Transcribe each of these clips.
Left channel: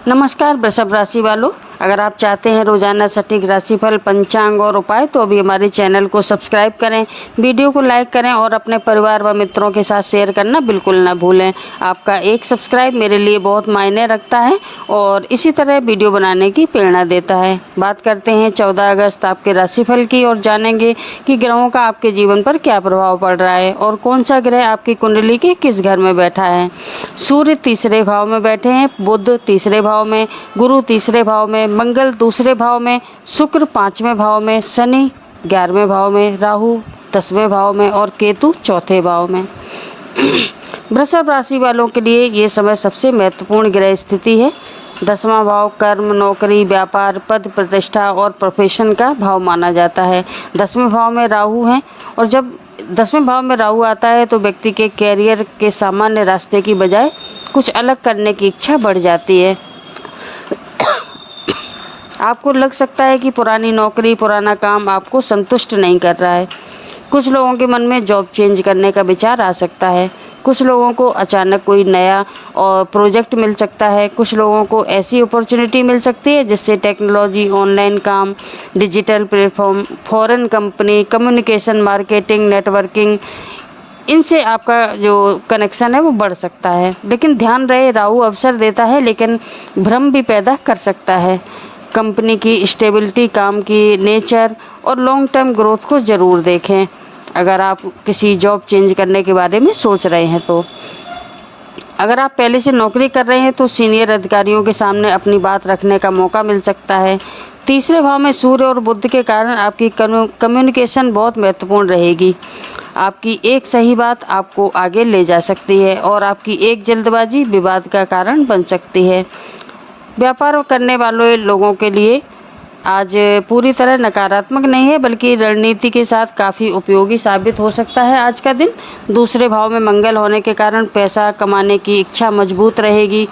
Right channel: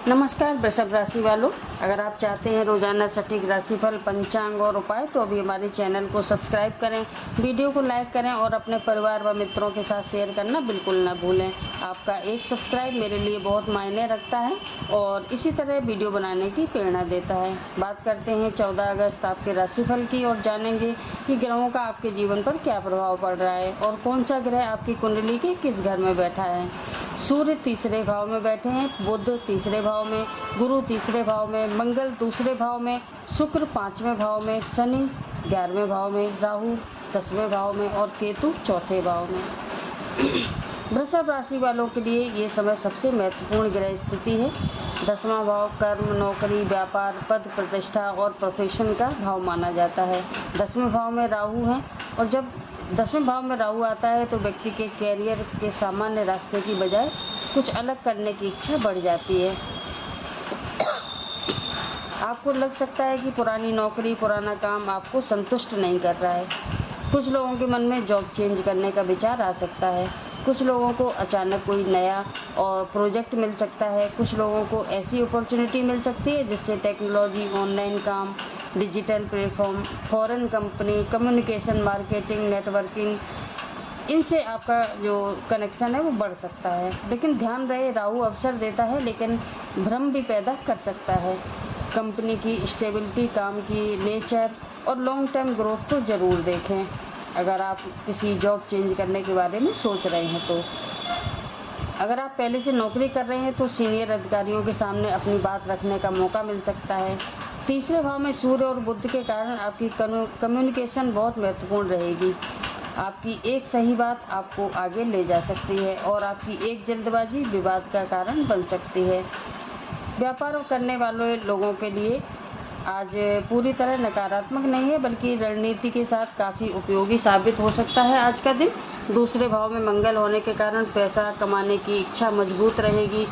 नमस्कार वृषभ राशि वालों, अगर आप चाहते हैं रोजाना सटीक राशिफल, पंचांग और उपाय तो अभी हमारे चैनल को सब्सक्राइब करें, वीडियो को लाइक करें और अपने परिवार व मित्रों के साथ शेयर करना बिल्कुल ना भूलें। आपका एक सब्सक्राइब मेरे लिए बहुत मायने रखता है और इसी तरह वीडियो बनाने की प्रेरणा देता है। बात करते हैं 14 अगस्त आपके राशिफल की और जानेंगे कि ग्रहों का आपके जीवन पर क्या प्रभाव पड़ रहा है और कौन सा ग्रह आपकी कुंडली के किस घर में बैठा है। सूर्य तीसरे भाव में बैठे हैं, बुध तीसरे भाव में, गुरु तीसरे भाव में, मंगल दूसरे भाव में, शुक्र 5वें भाव में, शनि 11वें भाव में, राहु 10वें भाव में और केतु चौथे भाव में। वृषभ राशि वालों के लिए ये समय सबसे महत्वपूर्ण ग्रह स्थिति है। 10वां भाव कर्म, नौकरी, व्यापार, पद प्रतिष्ठा और प्रोफेशन का भाव माना जाता है। 10वें भाव में राहु है और जब 10वें भाव में राहु आता है तो व्यक्ति के कैरियर के सामान्य रास्ते की बजाय कुछ अलग करने की इच्छा बढ़ जाती है। आपको लग सकता है कि पुरानी नौकरी, पुराना काम आपको संतुष्ट नहीं कर रहा है। कुछ लोगों के मन में जॉब चेंज करने का विचार आ सकता है। कुछ लोगों को अचानक कोई नया और प्रोजेक्ट मिल सकता है। कुछ लोगों को ऐसी अपॉर्चुनिटी मिल सकती है जिससे टेक्नोलॉजी, ऑनलाइन काम, digital platform, foreign company, communication, marketing, networking, इनसे आपका जो कनेक्शन है वो बढ़ सकता है। लेकिन ध्यान रहे, राहु अवसर देता है लेकिन भ्रम भी पैदा कर सकता है। कंपनी की स्टेबिलिटी, काम की नेचर और लॉन्ग टर्म ग्रोथ को ज़रूर देखें अगर आप किसी जॉब चेंज करने के बारे में सोच रहे हैं तो। अगर आप पहले से नौकरी कर रहे हैं तो सीनियर अधिकारियों के सामने अपनी बात रखने का मौका मिल सकता है। तीसरे भाव में सूर्य और बुध के कारण आपकी कम्युनिकेशन बहुत महत्वपूर्ण रहेगी। आपकी एक सही बात आपको आगे ले जा सकती है और आपकी एक जल्दबाजी विवाद का कारण बन सकती है। व्यापार करने वाले लोगों के लिए आज पूरी तरह नकारात्मक नहीं है बल्कि रणनीति के साथ काफ़ी उपयोगी साबित हो सकता है आज का दिन। दूसरे भाव में मंगल होने के कारण पैसा कमाने की इच्छा मजबूत रहेगी।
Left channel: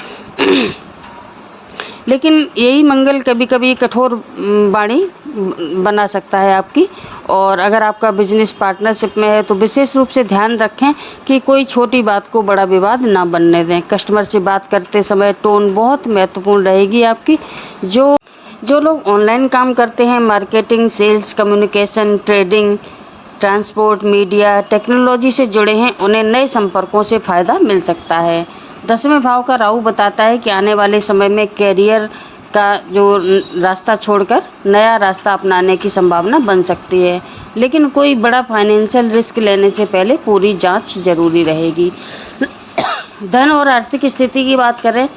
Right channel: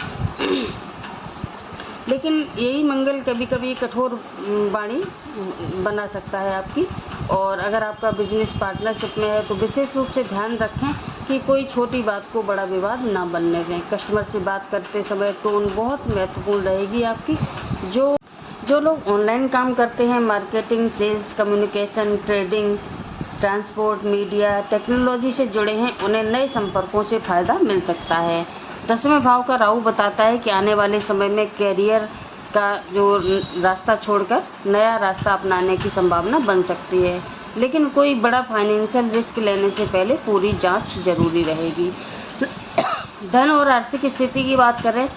लेकिन यही मंगल कभी कभी कठोर वाणी बना सकता है आपकी। और अगर आपका बिजनेस पार्टनरशिप में है तो विशेष रूप से ध्यान रखें कि कोई छोटी बात को बड़ा विवाद ना बनने दें। कस्टमर से बात करते समय टोन बहुत महत्वपूर्ण रहेगी आपकी। जो लोग ऑनलाइन काम करते हैं, marketing, sales, communication, trading, transport, media, technology से जुड़े हैं, उन्हें नए संपर्कों से फ़ायदा मिल सकता है। 10वें भाव का राहु बताता है कि आने वाले समय में कैरियर का जो रास्ता छोड़कर नया रास्ता अपनाने की संभावना बन सकती है। लेकिन कोई बड़ा फाइनेंशियल रिस्क लेने से पहले पूरी जांच जरूरी रहेगी। धन और आर्थिक स्थिति की बात करें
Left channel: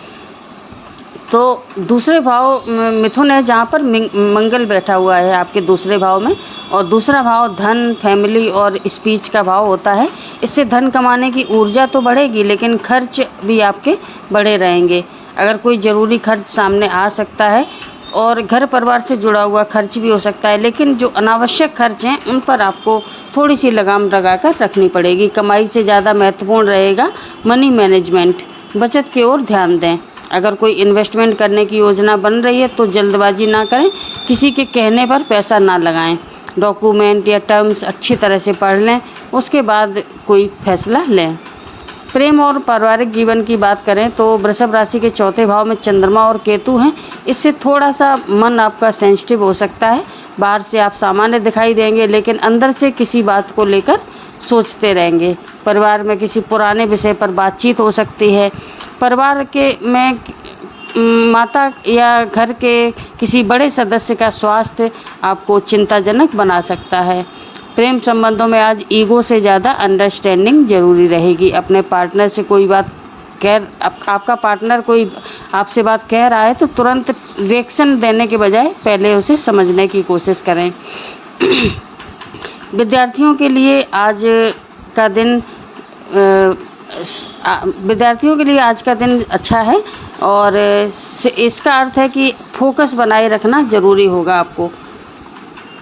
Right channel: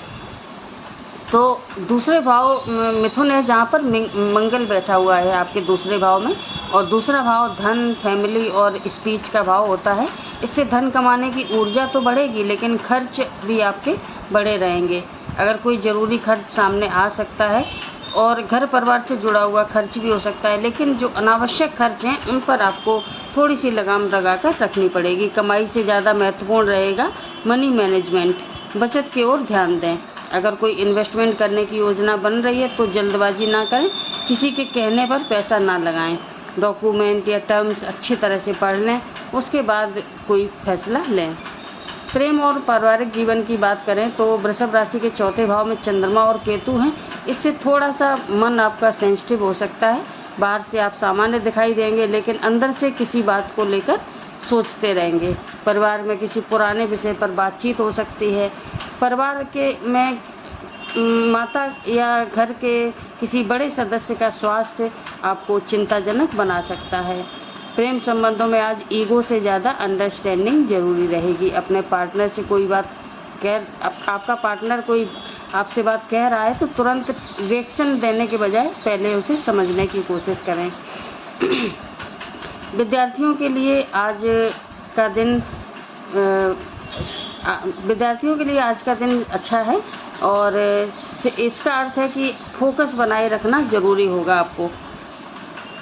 तो दूसरे भाव मिथुन है जहाँ पर मंगल बैठा हुआ है आपके दूसरे भाव में, और दूसरा भाव धन, फैमिली और स्पीच का भाव होता है। इससे धन कमाने की ऊर्जा तो बढ़ेगी लेकिन खर्च भी आपके बढ़े रहेंगे। अगर कोई ज़रूरी खर्च सामने आ सकता है और घर परिवार से जुड़ा हुआ खर्च भी हो सकता है, लेकिन जो अनावश्यक खर्च हैं उन पर आपको थोड़ी सी लगाम लगाकर रखनी पड़ेगी। कमाई से ज़्यादा महत्वपूर्ण रहेगा मनी मैनेजमेंट। बचत की ओर ध्यान दें। अगर कोई इन्वेस्टमेंट करने की योजना बन रही है तो जल्दबाजी ना करें, किसी के कहने पर पैसा ना लगाएं। डॉक्यूमेंट या टर्म्स अच्छी तरह से पढ़ लें, उसके बाद कोई फैसला लें। प्रेम और पारिवारिक जीवन की बात करें तो वृषभ राशि के चौथे भाव में चंद्रमा और केतु हैं। इससे थोड़ा सा मन आपका सेंसिटिव हो सकता है। बाहर से आप सामान्य दिखाई देंगे लेकिन अंदर से किसी बात को लेकर सोचते रहेंगे। परिवार में किसी पुराने विषय पर बातचीत हो सकती है। परिवार के में माता या घर के किसी बड़े सदस्य का स्वास्थ्य आपको चिंताजनक बना सकता है। प्रेम संबंधों में आज ईगो से ज़्यादा अंडरस्टैंडिंग जरूरी रहेगी। अपने पार्टनर से कोई बात आपका पार्टनर कोई आपसे बात कह रहा है तो तुरंत रिएक्शन देने के बजाय पहले उसे समझने की कोशिश करें। विद्यार्थियों के लिए आज का दिन अच्छा है और इसका अर्थ है कि फोकस बनाए रखना जरूरी होगा आपको।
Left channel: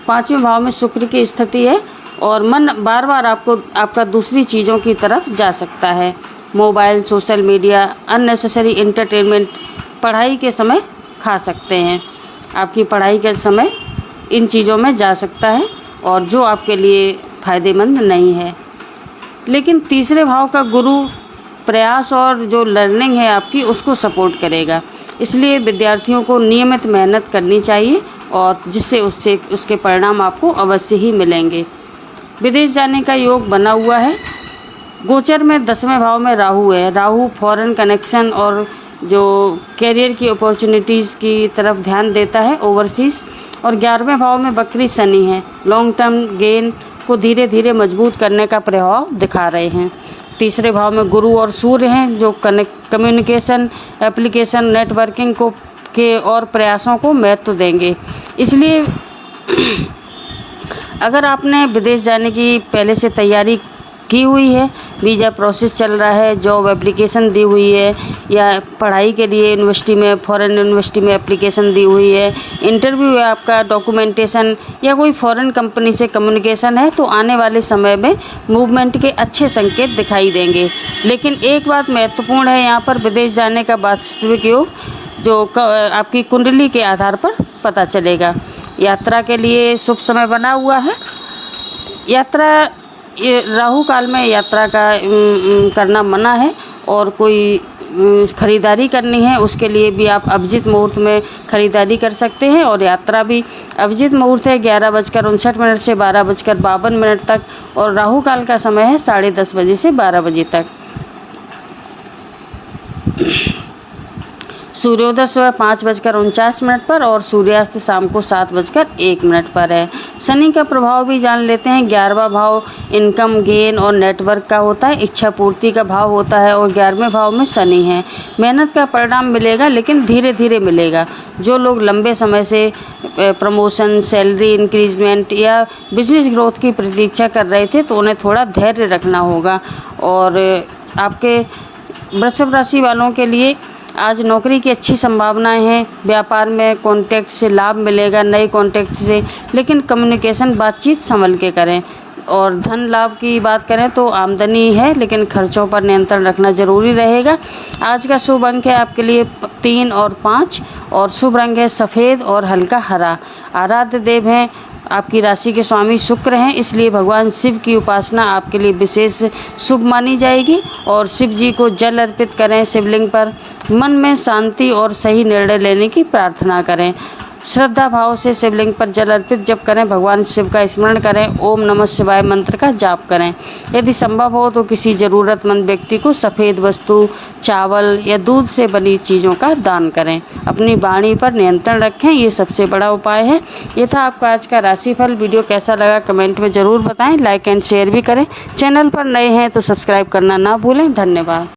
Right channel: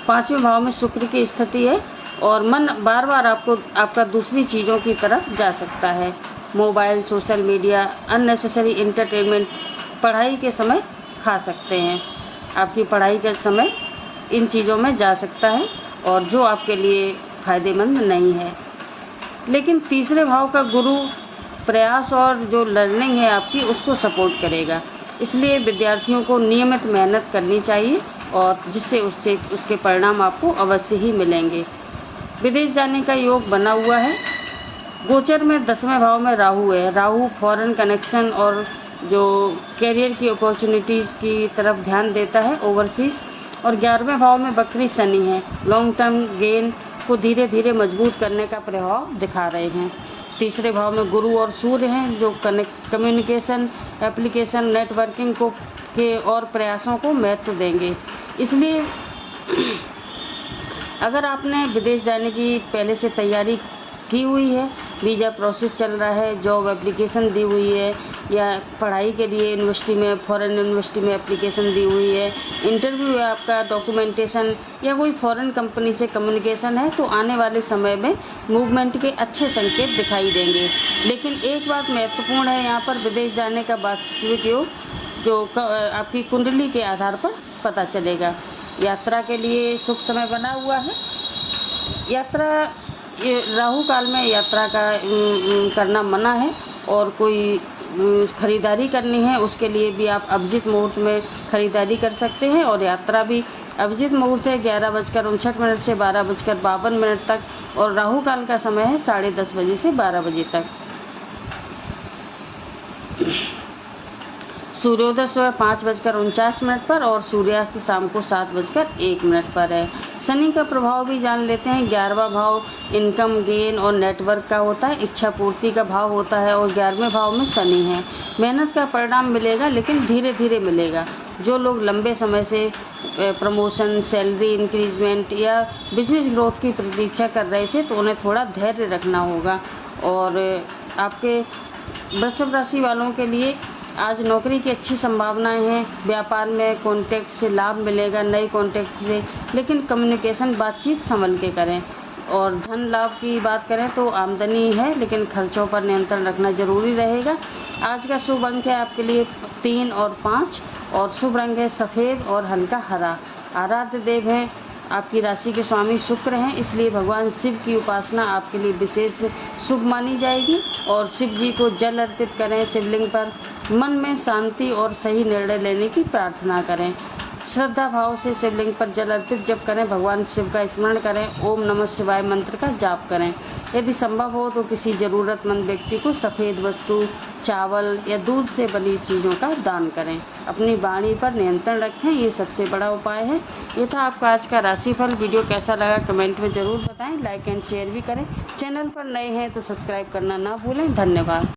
5वें भाव में शुक्र की स्थिति है और मन बार बार आपका दूसरी चीज़ों की तरफ जा सकता है। Mobile, social media, unnecessary entertainment पढ़ाई के समय खा सकते हैं। आपकी पढ़ाई का समय इन चीज़ों में जा सकता है और जो आपके लिए फ़ायदेमंद नहीं है। लेकिन तीसरे भाव का गुरु प्रयास और जो लर्निंग है आपकी उसको सपोर्ट करेगा। इसलिए विद्यार्थियों को नियमित मेहनत करनी चाहिए और जिससे उसके परिणाम आपको अवश्य ही मिलेंगे। विदेश जाने का योग बना हुआ है। गोचर में 10वें भाव में राहु है। राहु फॉरेन कनेक्शन और जो कैरियर की अपॉर्चुनिटीज़ की तरफ ध्यान देता है, ओवरसीज़। और 11वें भाव में वक्री शनि है। लॉन्ग टर्म गेन को धीरे धीरे मजबूत करने का प्रभाव दिखा रहे हैं। तीसरे भाव में गुरु और सूर्य हैं जो कम्युनिकेशन, एप्लीकेशन, नेटवर्किंग के और प्रयासों को महत्व देंगे। इसलिए अगर आपने विदेश जाने की पहले से तैयारी की हुई है, वीज़ा प्रोसेस चल रहा है, जॉब एप्लीकेशन दी हुई है, या पढ़ाई के लिए यूनिवर्सिटी में, फॉरेन यूनिवर्सिटी में एप्लीकेशन दी हुई है, इंटरव्यू है आपका, डॉक्यूमेंटेशन या कोई फॉरेन कंपनी से कम्युनिकेशन है, तो आने वाले समय में मूवमेंट के अच्छे संकेत दिखाई देंगे। लेकिन एक बात महत्वपूर्ण है यहाँ पर, विदेश जाने का वास्तविक योग जो आपकी कुंडली के आधार पर पता चलेगा। यात्रा के लिए शुभ समय बना हुआ है। ये राहु काल में यात्रा का करना मना है, और कोई खरीदारी करनी है उसके लिए भी आप अभिजित मुहूर्त में खरीदारी कर सकते हैं। और यात्रा भी अभिजित मुहूर्त है 11:59 से 12:52 तक, और राहु काल का समय है 10:30 बजे से 12 बजे तक। सूर्योदय सुबह 5:49 पर और सूर्यास्त शाम को 7:01 पर है। शनि का प्रभाव भी जान लेते हैं। 11वां भाव इनकम, गेन और नेटवर्क का होता है, इच्छा पूर्ति का भाव होता है, और 11वें भाव में शनि है। मेहनत का परिणाम मिलेगा, लेकिन धीरे धीरे मिलेगा। जो लोग लंबे समय से प्रमोशन, सैलरी इंक्रीजमेंट या बिजनेस ग्रोथ की प्रतीक्षा कर रहे थे, तो उन्हें थोड़ा धैर्य रखना होगा। और आपके वृषभ राशि वालों के लिए आज नौकरी की अच्छी संभावनाएं हैं। व्यापार में कॉन्टैक्ट से लाभ मिलेगा, नए कॉन्टैक्ट से, लेकिन कम्युनिकेशन, बातचीत संभल के करें। और धन लाभ की बात करें तो आमदनी है, लेकिन खर्चों पर नियंत्रण रखना जरूरी रहेगा। आज का शुभ अंक है आपके लिए 3 और 5, और शुभ रंग है सफ़ेद और हल्का हरा। आराध्य देव हैं आपकी राशि के स्वामी शुक्र हैं, इसलिए भगवान शिव की उपासना आपके लिए विशेष शुभ मानी जाएगी। और शिव जी को जल अर्पित करें शिवलिंग पर। मन में शांति और सही निर्णय लेने की प्रार्थना करें। श्रद्धा भाव से शिवलिंग पर जल अर्पित जब करें, भगवान शिव का स्मरण करें, ओम नमः शिवाय मंत्र का जाप करें। यदि संभव हो तो किसी ज़रूरतमंद व्यक्ति को सफ़ेद वस्तु, चावल या दूध से बनी चीज़ों का दान करें। अपनी वाणी पर नियंत्रण रखें, ये सबसे बड़ा उपाय है। ये था आपका आज का राशिफल। वीडियो कैसा लगा कमेंट में ज़रूर बताएं, लाइक एंड शेयर भी करें। चैनल पर नए हैं तो सब्सक्राइब करना ना भूलें। धन्यवाद।